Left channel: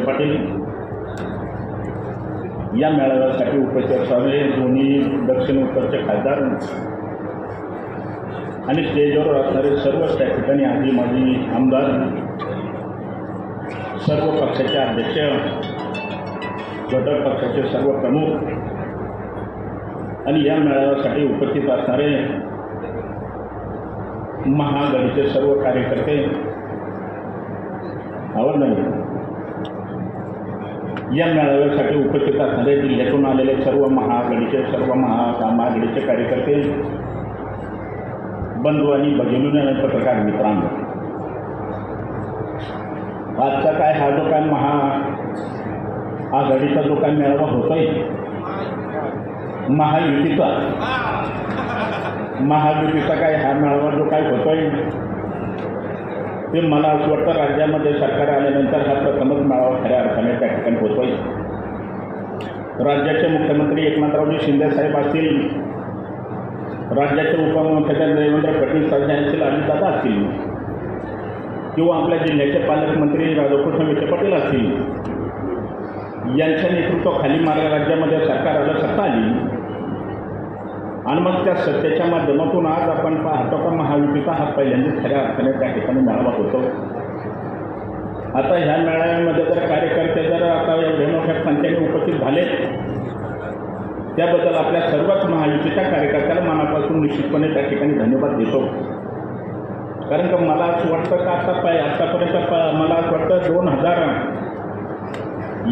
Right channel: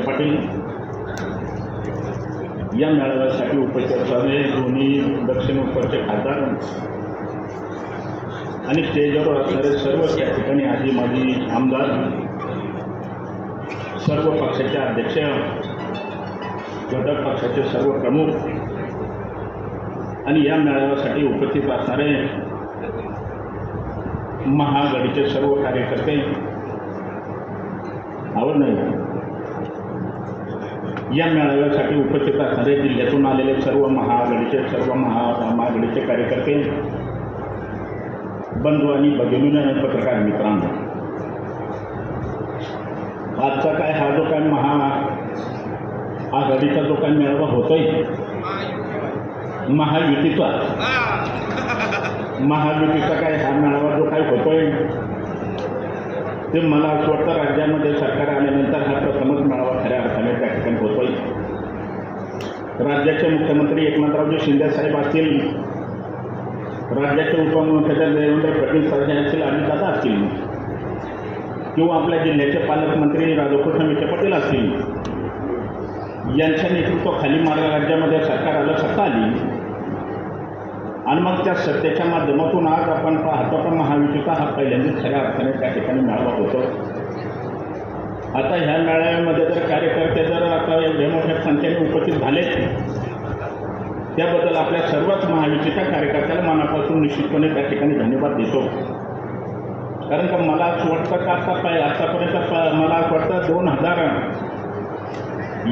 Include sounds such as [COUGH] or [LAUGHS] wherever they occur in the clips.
पाटील. या मेळाव्यासाठी उपस्थित असणारे दोन्ही दक्षिण उत्तरचे खासदार आणि स्टेजवर असणारे सर्व त्या ठिकाणी आजी माजी आमदार सर्व पक्षाचे अध्यक्ष घटक पक्षाचे सर्व प्रमुख आणि या मेळाव्यासाठी उपस्थित असणारे महागडीचे सर्व कार्यकर्ते आवड नाही या मेळाव्यासाठी उपस्थित असणारे जिल्ह्यातून आलेले सर्व महाआघाडीचे सर्व महा महाआघाडीचे कार्यकर्ते बंधू आणि आणि पत्रकार मित्रांनो आजचा काय हा जो काय महा आघाडीचा जो काय मेळावा होतोय महायुतीचा [LAUGHS] महायुतीचा काय हा मेळावा जो काय होतोय ते मला असं वाटतं राज्यामध्ये सरकार आल्यानंतर हा प्रथमच मेळावा खऱ्या अर्थाने त्या ठिकाणी होतोय. राज्याचे मुख्यमंत्री एकनाथरावजी शिंदे साहेब असतील राज्याचे उपमुख्यमंत्री देवेंद्र फडणवीस साहेब असतील अजितदादा असतील किंवा आपल्या जिल्ह्याचे पालकमंत्री राधाकृष्ण विखे पाटील असतील यांच्या नेतृत्वाखाली मार्ग राज्यामध्ये सरकार आलं सत्ता आली आणि मग त्या सत्याच्या माध्यमातून आज आपण पाहतो का महायुतीचा हा पहिल्यांदा खऱ्या अर्थाने त्या ठिकाणी मेळावा होतो? आता ह्या मेळाव्यामध्ये जर कार्यकर्ते जर आता एवढ्या मोठ्या संख्येने उपस्थित झाले त्याबद्दल आपल्या सर्वच महायुतीच्या कार्यकर्त्याला मनापासून निश्चितपणे त्या ठिकाणी धन्यवाद देतो. कारण का मला असं वाटतं का आता पाय आतापर्यंत पा मला असं वाटतं दोन हजार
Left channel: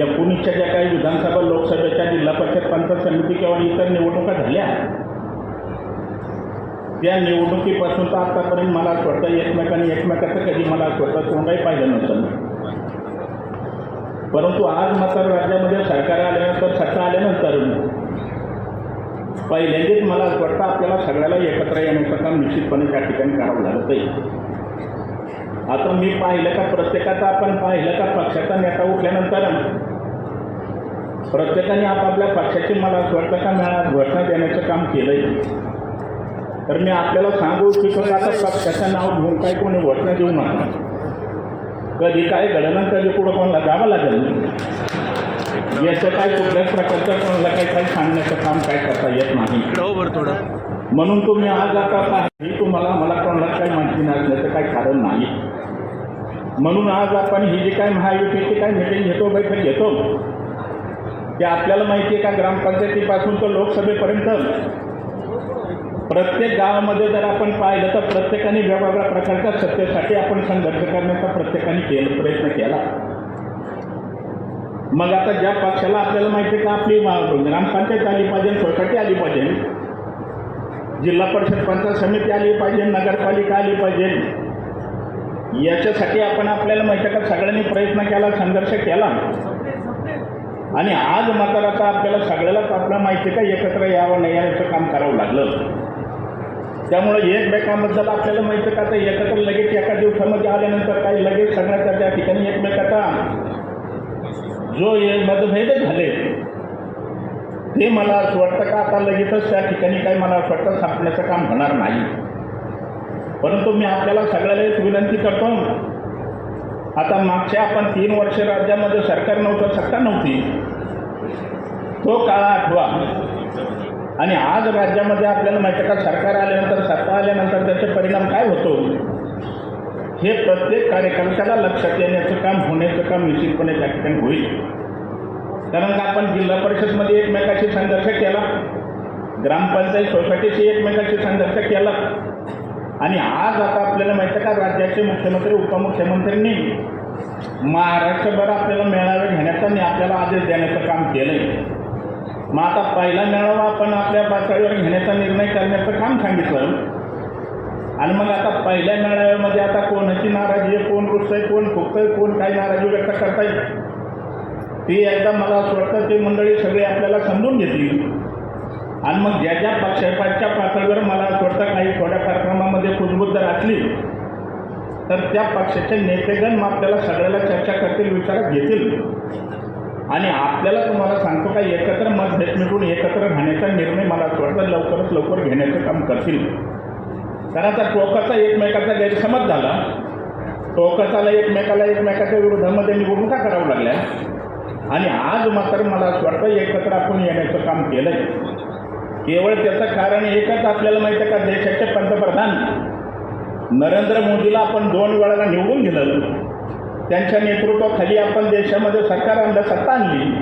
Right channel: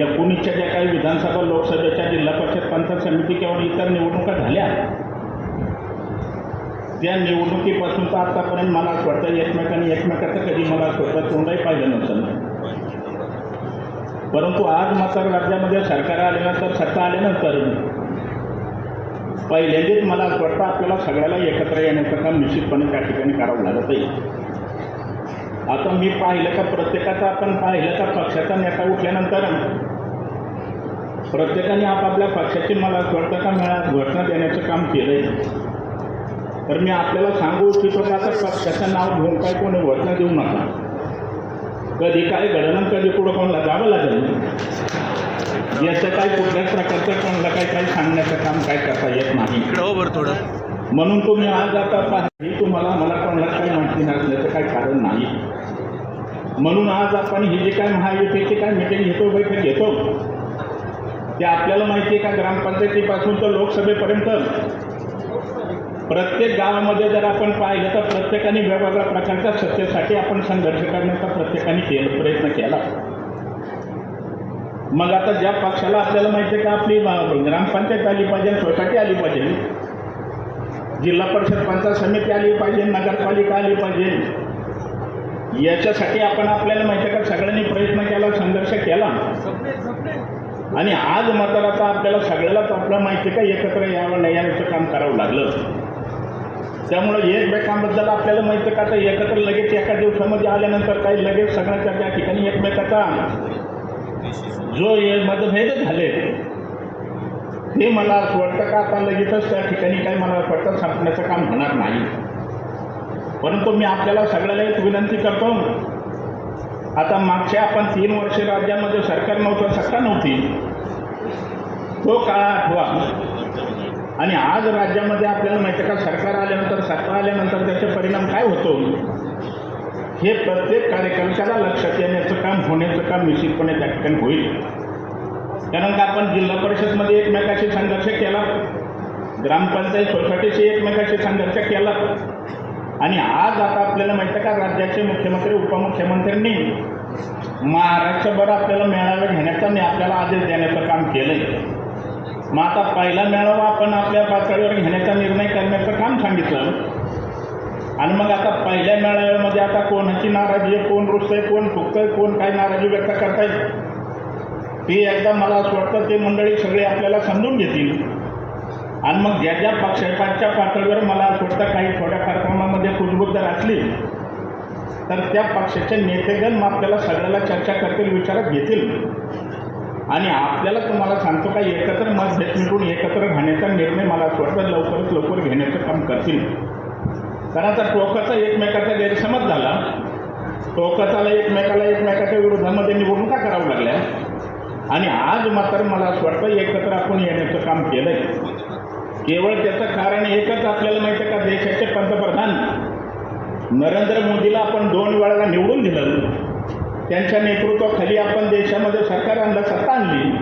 एकोणीसच्या ज्या काही विधानसभा लोकसभेच्या जिल्हा परिषद पंचायत समिती किंवा इतर निवडणुका झाल्या त्या निवडणुकीपासून तर आतापर्यंत मला असं एकमेकांनी एकमेकाचं कधी मला असं कोणताही पाहिलं नसेल परंतु आज मात्र राज्यामध्ये सरकार आल्यानंतर सत्ता आल्यानंतर पहिल्यांदाच मला असं वाटतं आपल्याला सगळ्याला एकत्र येण्याचं काम निश्चितपणे त्या ठिकाणी करावं लागत आहे. आता मी पाहिलं का प्रत्येकाचा आपण पाहिलं का पक्षाचा नेता उठल्यानंतर प्रत्येकाने आपापल्या पक्षाची मला असं वाटतं का मिळा घोषणा देण्याचं काम केलं आहे तर मी आपल्याला सांगू इच्छितो का आता पक्षाचं नाव घेऊन काय कोणी घोषणा देऊ नका. कधी काय घडलं कधी पुढं कोणाला जावं लागेल. याचं काय कुठल्याच प्रकारचं कोणाला काही काही सांगण्याचं काम काय करता येत नाही. हो थोडं. म्हणून तुम्ही आज आता पहा ही तुम्हाला मला कोणाला काही माहिती नसल्याचं काही कारण नाही. म्हणून आज आपण ही जी काय महायुतीची काय मिटिंग घेतो बैठक घेतो ते आपल्याला माहिती आहे का? ग्रामपंचायतीपासून तर लोकसभेपर्यंत. प्रत्येक गावामध्ये जर आपण पाहिलं तर प्रत्येकाने वेगवेगळ्या प्रकारच्या सत्तेसाठी आपण संघर्ष करण्याचा प्रत्येकाने केला प्रयत्न केला. मग आता ज्या पक्षाला आपल्याला माहिती आहे का आपली ग्रामपंचायत आली पाहिजे सोसायटी आली पाहिजे जिल्हा परिषद पंचायत समिती आली पाहिजे नगरपालिका आली पाहिजे याच्यासाठी आपण आपल्याला माहिती आहे का सगळ्यांनी प्रयत्न केला संघर्ष केला. आणि आज मात्र आता आपल्याला सगळ्यालाच आपल्याला माहिती आहे का एकत्र यावं नाही याचं काम करावं लागलं. त्यामुळे एकमेकांबद्दल आपल्याला माहिती आहे का? आता एकत्र लगेच एका दिवसामध्ये आल्यानंतर काही लगेच सगळ्याच्या त्या ठिकाणी एकमेकाचा जो मतभेद झाले ते मला असं वाटतं का आता लगेचच त्या ठिकाणी काही मला असं वाटतं संपण्याचं काम होणार नाही. परंतु मी आपल्याला सगळ्याला एक विनंती करतो आता मागच्या आपण तीन वर्ष राज्यामध्ये सरकार नव्हतं सत्ता नव्हती. तो काळ आठवा आणि आज राज्यामध्ये आपल्याला माहिती आहे का सरकार आल्यानंतर सत्ता आल्यानंतर त्याचे परिणाम काय होतो? हे प्रत्येक कार्यकर्त्याला लक्षात येण्याचं काम होण्याचं काम निश्चितपणे त्या ठिकाणी होईल. कारण का आपण जिल्हा परिषदमध्ये एकमेकाशी संघर्ष केला ग्रामपंचायत सोसायटीशी एकमेकाशी संघर्ष केला आणि आज आता आपल्याला माहिती आहे का राज्याचे मुख्यमंत्री उपमुख्यमंत्र्यांनी महाराष्ट्रभर आपल्याला मेळावे घेण्याचा आणि आपल्याला आदेश देण्याचं काम केलं आहे मग आता पहिला मेळावा आपण आपल्या पातळीवर घेण्याचा निर्णय करण्याचं काम सांगितलं. आणि मग आता पहिल्या मेळाव्यामध्ये आता कोणाची नाराजी आहे कोण रुसतंय कोण फुकतंय कोण काही नाराजी व्यक्त करताय ती एकदा मला असं वाटतं ती मंडळी सगळी आपल्याला समजून घेतील. आणि मग ज्या ज्या पक्षपातच्या पातळीवर मला असं वाटतं काही थोड्या कार्यक्रमामध्ये कुजबूज जर असली तर त्या पक्षाचे नेतेगण मग आपल्याला सगळ्याला चर्चा करतील विचारात घेतील. आणि आपल्याला तुम्हाला सांगतो का एकत्र मतभेद मिटून एकत्र राहण्याचा निर्णय मला असं वाटतं लवकरात लवकर घेण्याचं काम करतील. कारण आता टोकाचा एकमेकाचा गैरसमज झाला. टोकाचाला एकमेकाला एकमेकाच्या विरोधामध्ये निवडणुका करावं लागल्या? आणि आज मात्र मला असं वाटतं एकत्र आपण येण्याचं काम केलं केवळ त्याचं कारण एकच आपल्याला माहिती आहे का देशाचे पंतप्रधान नरेंद्र मोदीला आपण दोन वेळाला निवडून दिलं. त्यांच्या नेतृत्वाखाली आपण देशामध्ये सरकार आणलं सत्ता आणली.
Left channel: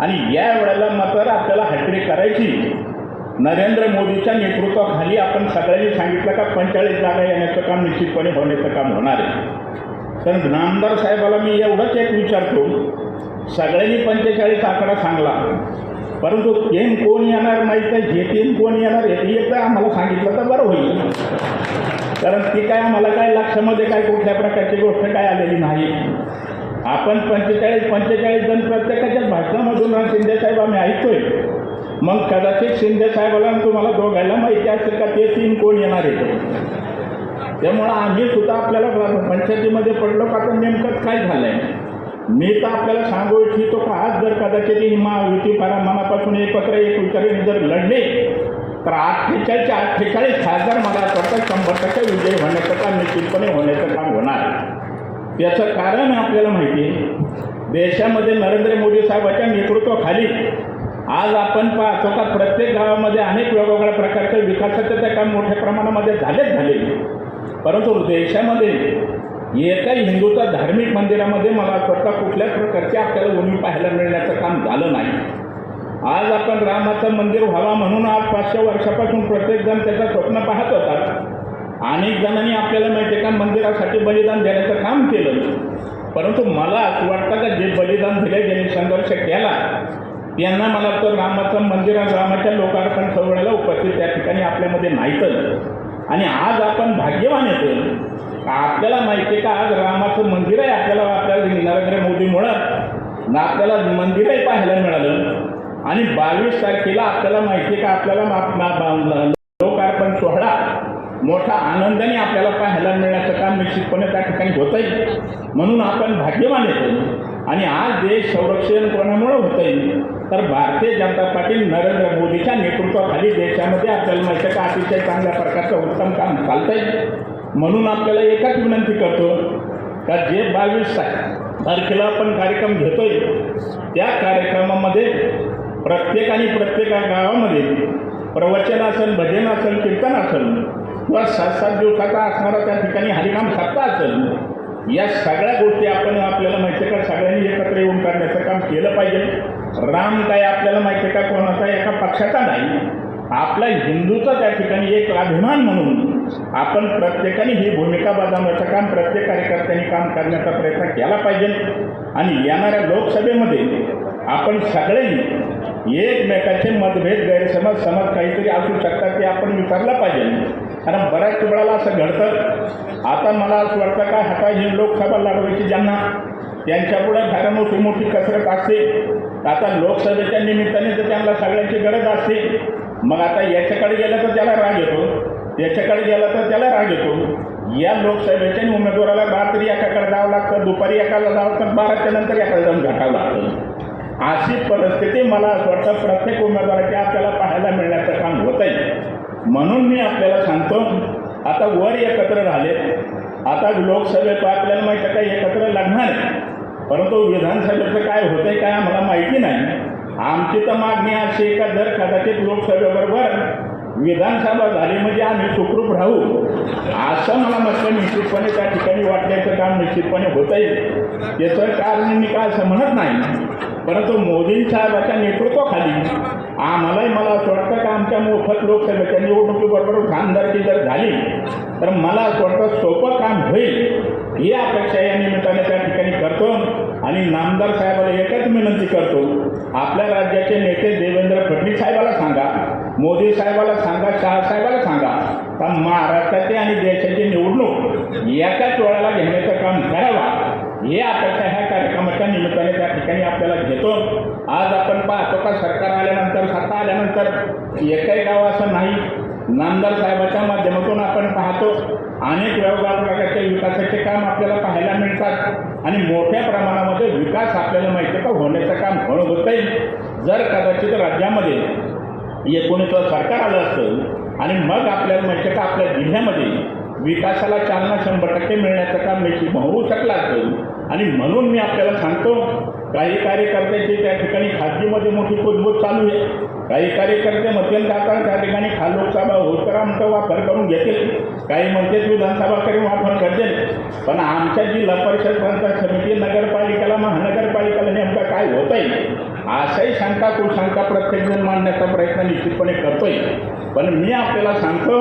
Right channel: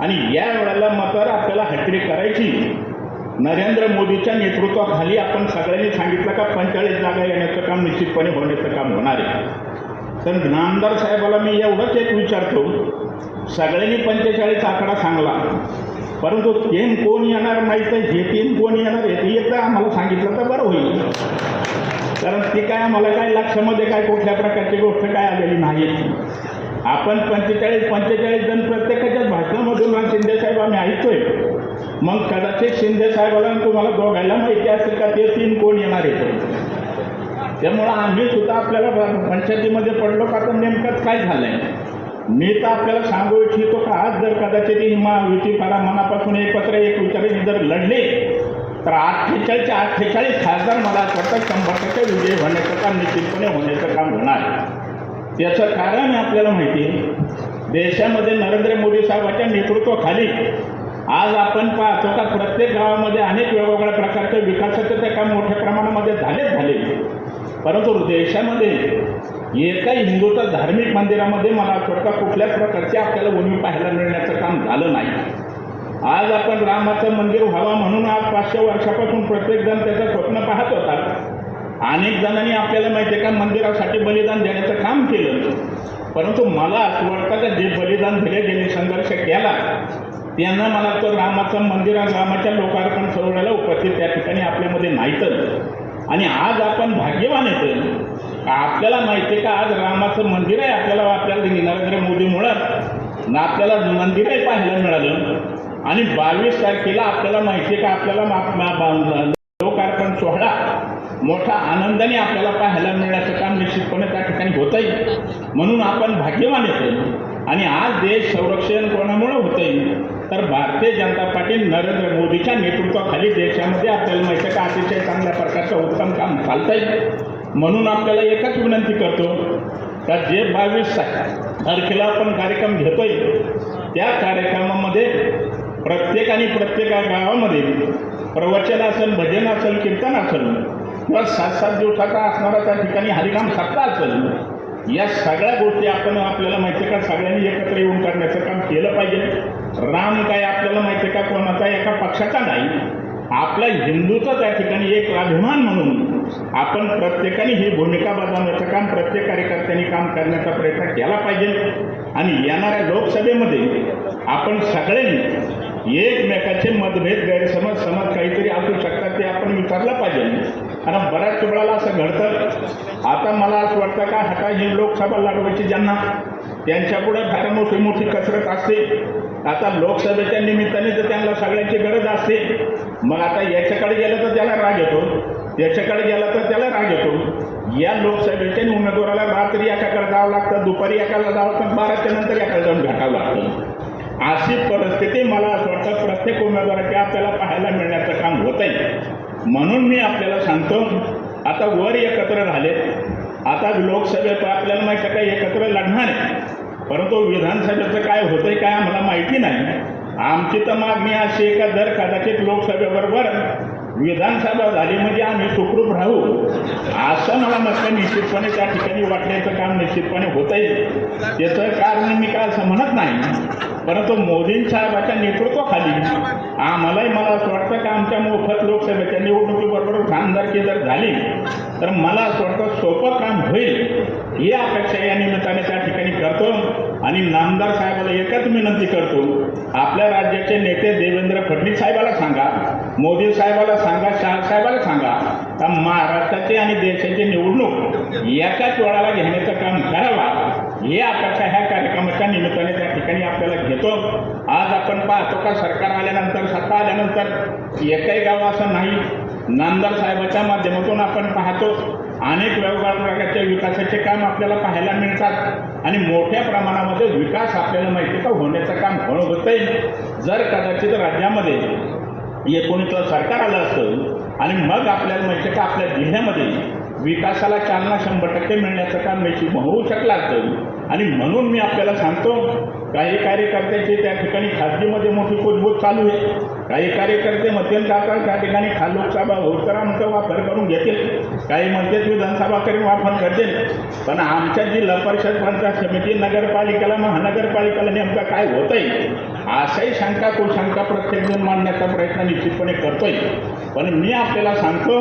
आणि या वेळेला मात्र आपल्याला हॅट्रिक करायची. नरेंद्र मोदीच्या नेतृत्वाखाली आपण सगळ्यांनी सांगितलं का पंचेचाळीस जागा येण्याचं काम निश्चितपणे होण्याचं काम होणार आहे. तर नामदार साहेबाला मी एवढंच एक विचारतो. सगळ्यांनी पंचेचाळीस आकडा सांगला. परंतु तीन कोण येणार नाही तर हे कोण येणार हे एकदा आम्हाला सांगितलं तर बरं होईल. कारण ती काय मला काय काय कुठल्या प्रकारची गोष्ट काय आलेली नाही. आपण पंचेचाळीस पंचेचाळीस जण प्रत्येकाच्याच भाषणामधून शिंदे साहेब आम्ही ऐकतोय. मग कदाचित शिंदे साहेबाला आणि तुम्हाला दोघायला माहिती असेल का ते तीन कोण येणार आहे त्यामुळं आम्ही सुद्धा आपल्याला पंचायतीमध्ये पडलो का तर नेमकंच काय झालंय? मी तर आपल्याला सांगू इच्छितो का आज जर कदाचित ही महायुती फार मनापासून एकत्र एक विचाराने जर लढले तर अठ्ठेचाळीसच्या अठ्ठेचाळीस खासदार मला असं वाटतं शंभर टक्के विजय होण्याचं काम निश्चितपणे होण्याचं काम होणार याचं कारण आपल्याला माहिती आहे देशामध्ये नरेंद्र मोदी साहेबाच्या नेतृत्वाखाली आज आपण पाहतो का प्रत्येक गावामध्ये अनेक वेगवेगळ्या प्रकारचे विकासाचे ते काम मोठ्या प्रमाणामध्ये झालेच झाले परंतु देशामध्ये एका हिंदूच्या धार्मिक मंदिरामध्ये मला असं वाटतं कुठल्याच प्रकारची आपल्याला उणीव पाहायला मिळण्याचं काम झालं नाही. आज आपण रामाचं मंदिर व्हावं म्हणून आज पाचशे वर्षापासून प्रत्येकजण त्याचं स्वप्न पाहत होता. अनेक जणांनी आपल्याला माहिती आहे का मंदिरासाठी बलिदान देण्याचं काम केलं. परंतु मला असं वाटतं का जे बलिदान दिले ज्यांनी संघर्ष केला त्यांना मला तर रामाचं मंदिर आणि रामाच्या लोकार्पण सोहळ्याला उपस्थित त्या ठिकाणी आपल्यामध्ये नाहीतच आणि आज आपण भाग्यवान येतं. आपल्याला माहिती आहे का आज रामाचं मंदिर आहे आपल्याला आपल्याला नरेंद्र मोदीमुळं. ना आपल्याला मंदिरही पाहायला मिळालं. आणि बावीस तारखेला आपल्याला माहिती आहे का आपल्याला लोकार्पण सोहळा. मोठा आनंदाने आपल्याला पाहायला मिळण्याचं काम निश्चितपणे त्या ठिकाणी होत आहे म्हणून आपण भाग्यवान येतो आणि आज देश संरक्षण कोणामुळे आहे तर भारतीय जनता पार्टी नरेंद्र मोदीच्या नेतृत्वाखाली देशामध्ये आपल्याला माहिती आहे का अतिशय चांगल्या प्रकारचं उत्तम काम चालतंय. म्हणून आपल्याला एकच विनंती करतो का जे बावीस तारखेला आपण कार्यक्रम घेतोय त्या कार्यक्रमामध्ये प्रत्येकाने प्रत्येक गावामध्ये प्रवचन असेल भजन असेल कीर्तन असेल किंवा सात सात दिवसाचा असणारा त्या ठिकाणी हरिनाम सप्ताह असेल या सगळ्या गोष्टी आपण आपल्याला माहिती आहे का? सगळ्यांनी एकत्र येऊन करण्याचं काम केलं पाहिजे. राम काय आपल्याला माहिती आहे का? कोणाचा? एका पक्षाचा नाही. आपला हिंदूचा त्या ठिकाणी एक अभिमान म्हणून आपण प्रत्येकाने ही भूमिका बजावण्याचं काम प्रत्येक कार्यकर्त्यांनी काम करण्याचा प्रयत्न केला पाहिजे. आणि येणाऱ्या लोकसभेमध्ये आपण सगळ्यांनी एकमेकाचे मतभेद गैरसमज समज काहीतरी असू शकतात ते आपण विचारलं पाहिजे. कारण बऱ्याच वेळाला असं घडतं. आता मला असं वाटतं का आता ही लोकसभा लढवायची ज्यांना त्यांच्यापुढे फार मोठी मोठी कसरत असते. आता लोकसभेच्या निमित्ताने तर त्यांना सगळ्यांची गरज असते. मग आता याच्याकडे गेलं तर त्याला राग येतो. याच्याकडे गेला तर त्याला राग येतो. या लोकसभेच्या उमेदवाराला रात्री एकाकडे जावं लागतं दुपारी एकाला जावं लागतं बाराच्या नंतर एकाला जाऊन भेटावं लागतं. अशी परिस्थिती मला असं वाटतं प्रत्येक उमेदवाराची आपल्याला पाहायला मिळण्याचं काम होत आहे म्हणून मी आपल्याला सांगतो आता वर एकत्र झाले आता लोकसभेत आपल्याला माहिती आहे का एकत्र लढणार आहे. परंतु विधानसभेचं काय होतं आहे काय आम्हाला माहिती नाही. आमची तर मागणी अशी आहे का जर कदाचित लोकसभेबरोबर विधानसभा झाली म्हणजे आम्ही सुखरूप राहू. असं मला म्हटलं निश्चितपणे त्या ठिकाणी वाटण्याचं काम निश्चितपणे होत आहे त्याचं कारण मी काय असं म्हणत नाही. परंतु मोदी साहेबाच्या नेतृत्वाखाली आम्हालाही मला असं वाटतं का आमच्या मोफत लोकसभेच्या निवडणुकीबरोबर खानदारकी जर झाली तर मला असं वाटतं सोपं काम होईल. ही अपेक्षा या निमित्ताने त्या ठिकाणी करतो आणि नामदार साहेबाला एकच विनंती करतो. आपल्या राज्याचे नेते देवेंद्र फडणवीस साहेबाला सांगा मोदी साहेबाला सांगा शहासाहेबाला सांगा तर महाराष्ट्राचे आणि देशाची निवडणूक एकाच वेळाला घेण्याचं काम करावा ही अपेक्षा ह्या निमित्ताने त्या ठिकाणी आपल्याला घेतो. आज आपण पाहतो का सरकार आल्यानंतर सत्ता आल्यानंतर एकही गाव असं नाही. नामदार साहेबाच्या माध्यमातून आपण पाहतो अनेक व्यवहार प्रकारचे विकासाचे काम आपल्याला पाहायला मिळतात. आणि मोठ्या प्रमाणामध्ये विकास आपल्याला माहिती आहे का होण्याचं काम होणं होतंय. जर कदाचित राज्यामध्ये एकोणीसला सरकार आलं असतं आणि मग आपल्याला माहिती का आपल्या जिल्ह्यामध्ये विकासाला चालना शंभर टक्के मिळण्याचं काम निश्चित होऊ शकला असतं आणि म्हणून मी आपल्याला सांगतो काही कार्यकर्त्याचे त्या ठिकाणी खाजगीमध्ये मोठी कुजबूज चालू आहे. काही कार्यकर्ते मध्यंतर त्या ठिकाणी खाल लोकसभा होतकरांचा वापर करून घेतील. काही म्हणतात विधानसभा करून वापर करतील. पण आमच्या जिल्हा परिषद पंचायत समिती नगरपालिकेला महानगरपालिकेला नेमकं काय होतंय? अशाही शंका कुशंका प्रत्येकजण मांडण्याचा प्रयत्न निश्चितपणे करतोय. पण मी आपल्याला सांगतो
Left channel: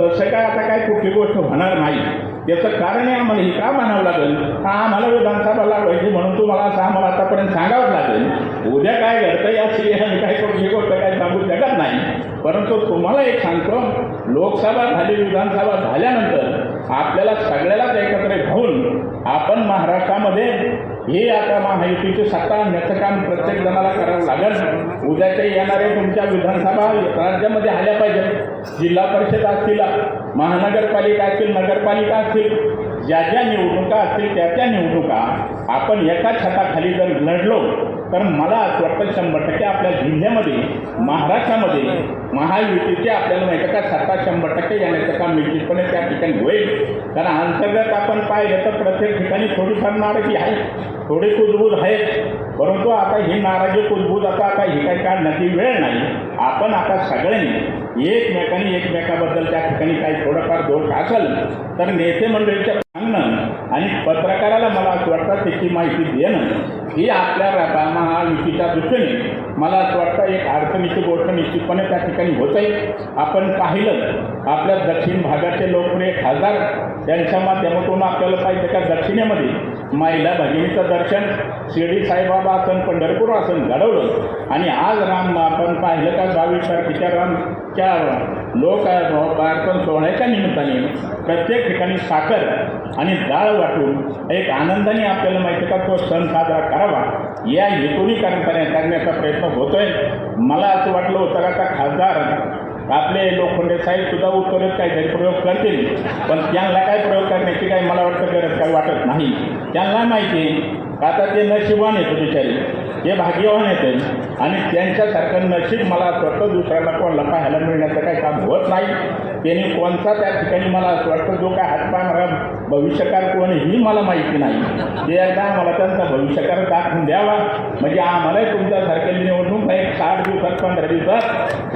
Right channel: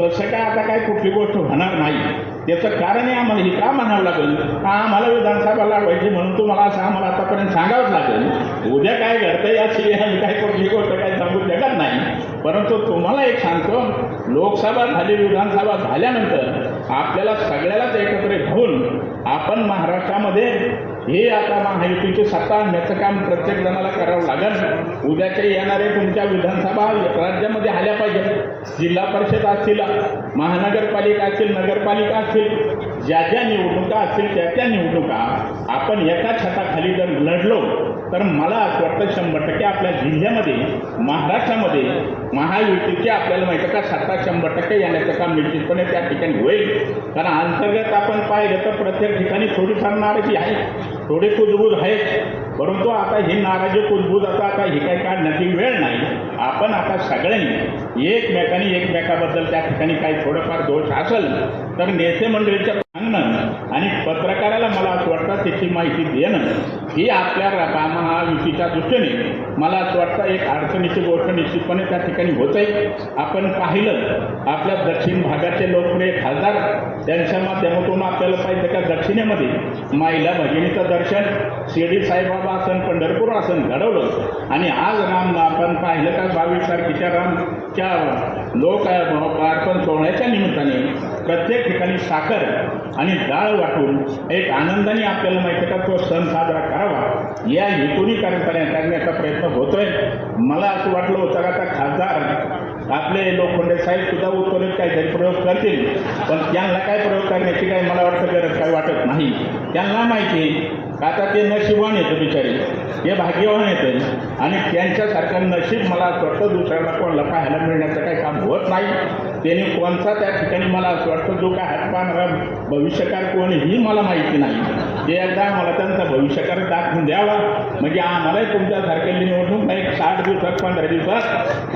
तसं काय आता काय कुठली गोष्ट होणार नाही. त्याचं कारणही आम्हाला हे का म्हणावं लागेल? का आम्हाला विधानसभा लावायची म्हणून तुम्हाला असं आम्हाला आतापर्यंत सांगावंच लागेल. उद्या काय घडतं या आणि काय कुठली गोष्ट काय सांगू शकत नाही. परंतु तुम्हाला एक सांगतो लोकसभा झाली विधानसभा झाल्यानंतर आपल्याला सगळ्यालाच एकत्र घेऊन आपण महाराष्ट्रामध्ये हे आता महायुतीची सत्ता आणण्याचं काम प्रत्येक जणाला करावं लागेल. उद्याच्या येणाऱ्या तुमच्या विधानसभा राज्यामध्ये आल्या पाहिजेत जिल्हा परिषद असतील महानगरपालिका असतील नगरपालिका असतील ज्या ज्या निवडणुका असतील त्या त्या निवडणुका आपण एका छताखाली जर लढलो तर मला असं वाटतं शंभर टक्के आपल्या जिल्ह्यामध्ये महाराष्ट्रामध्ये महायुतीचे आपल्याला माहिती आहे का सत्ता शंभर टक्के येण्याचं काम निश्चितपणे त्या ठिकाणी होईल. कारण अंतर्गत आपण पाहिलं तर प्रत्येक ठिकाणी थोडीफार नाराजी आहे थोडी कुजबूज आहे परंतु आता ही नाराजी कुजबूज आता आता ही काही काढण्याची वेळ नाही. आपण आता सगळ्यांनी एकमेकांनी एकमेकाबद्दल त्या ठिकाणी काही थोडंफार दोष असेल तर नेते मंडळीच्या सांगणं आणि पत्रकाराला मला असं वाटतं त्याची माहिती देणं ही आपल्या रा- महायुतीच्या दृष्टीने मला असं वाटतं एक अडचणीची गोष्ट निश्चितपणे त्या ठिकाणी होत आहे आपण पाहिलं आपल्या दक्षिण भागाचे लोकप्रिय खासदार त्यांच्या माध्यमातून आपल्याला पाहिजे का दक्षिणेमध्ये महिला भगिनीचं दर्शन शिर्डी साईबाबा आसन पंढरपूर आसन घडवलं. आणि आज राम आपण पाहिलं का बावीस तारखेच्या रामच्या लोक अर्पण सोहळ्याच्या निमित्ताने प्रत्येक ठिकाणी साखर आणि डाळ वाटून एक आनंदाने आपल्याला माहिती आहे का तो सण साजरा करावा. या हेतूने करण्या करण्याचा प्रयत्न होतोय. मला असं वाटलं होतं का आता खासदार आपले लोखंडे साहेब सुद्धा उत्तरेत काहीतरी प्रयोग करतील. पण त्यांना काय प्रयोग करण्याची काही मला वाटतं गरज काही वाटत नाही. त्यांना माहिती आहे का आता ते नशिबवान येतं बिचारी. हे भाग्यवान येतं आणि त्यांच्यासारखं नशीब मला असं वाटतं दुसऱ्याला कोणाला पाहायला मिळण्याचं काही काम होत नाही. त्यांनी कोणता त्या ठिकाणी मला असं वाटतं जो काय हात भविष्यकार कोण ही मला माहिती नाही. ते एकदा मला त्यांचा भविष्यकार दाखवून द्यावा. म्हणजे आम्हालाही तुमच्यासारख्या निवडणूक एक साठ दिवसात पंधरा दिवसात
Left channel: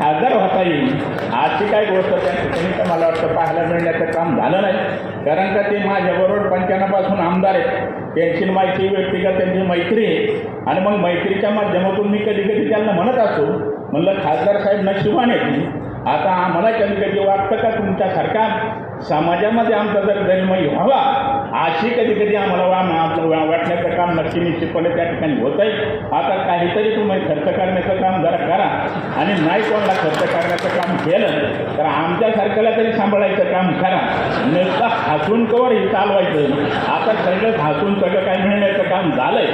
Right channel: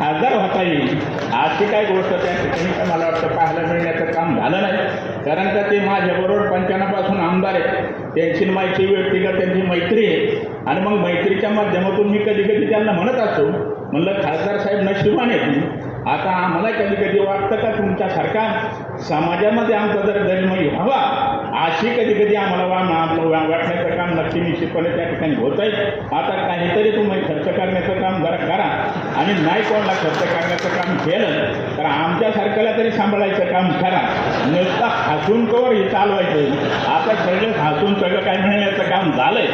खासदार होता येईल. अशी काही गोष्ट त्या ठिकाणी तर मला वाटतं पाहायला मिळण्याचं काम झालं नाही. कारण का ते माझ्याबरोबर पंच्याण्णवपासून आमदार आहेत. त्यांची माहिती व्यक्तिगत त्यांची मैत्री आहे. आणि मग मैत्रीच्या माध्यमातून मी कधी कधी त्यांना म्हणत असतो म्हणलं खासदार साहेब नशिबाने तुम्ही आता आम्हाला कधी कधी वाटतं का तुमच्यासारखा समाजामध्ये आमचा जर जन्म व्हावा अशी कधी कधी आम्हाला वा वाटण्याचं काम नक्की निश्चितपणे त्या ठिकाणी होत आहे आता काहीतरी तुम्ही खर्च करण्याचं काम जरा करा आणि नाही कोणाला खर्च करण्याचं काम केलं तर आमच्यासारख्याला तरी सांभाळायचं काम करा. नुसतं हसून कवर हे चालवायचं. आता सगळं हसून सगळं काय मिळण्याचं काम झालंय.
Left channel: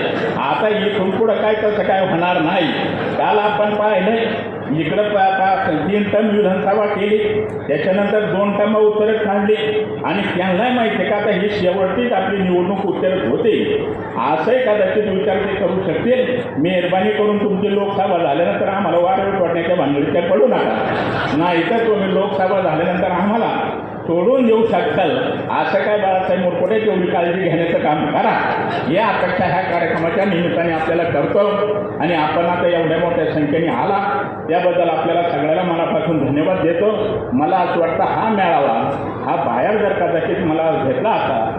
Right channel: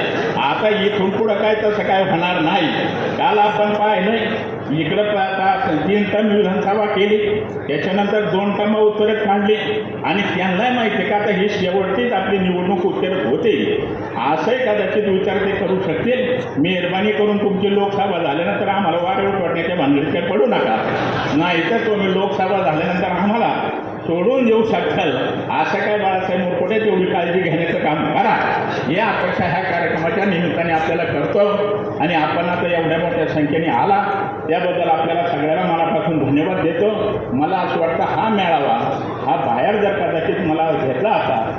आता इथून पुढं काय तसं काय होणार नाही. काल आपण पाहिलं इकडं पा पा तीन टम विधानसभा केली. त्याच्यानंतर दोन टर्म उत्तरेत काढली. आणि त्यांनाही माहिती आहे का आता ही शेवटचीच आपली निवडणूक उत्तरेत होते. असंही कदाचित विचार ते करू शकतील. मेहरबानी करून तुमची लोकसभा झाल्यानंतर आम्हाला वारेवर पडण्याच्या भानगडीच्या पडू नका. नाहीतर तुम्ही लोकसभा झाल्यानंतर आम्हाला सोडून देऊ शकताल. असं काय बाळासाहेब मोरकोटे तेवढी काळजी घेण्याचं काम करा. या अपेक्षा ह्या कार्यक्रमाच्या निमित्ताने आपल्याला करतो. आणि आपण आता एवढ्या मोठ्या संख्येने आला. त्याबद्दल आपल्याला सगळ्याला मनापासून धन्यवाद देतो. मला असं वाटतं हा मेळावा हा बाहेर जर कदाचित मला घेतला असता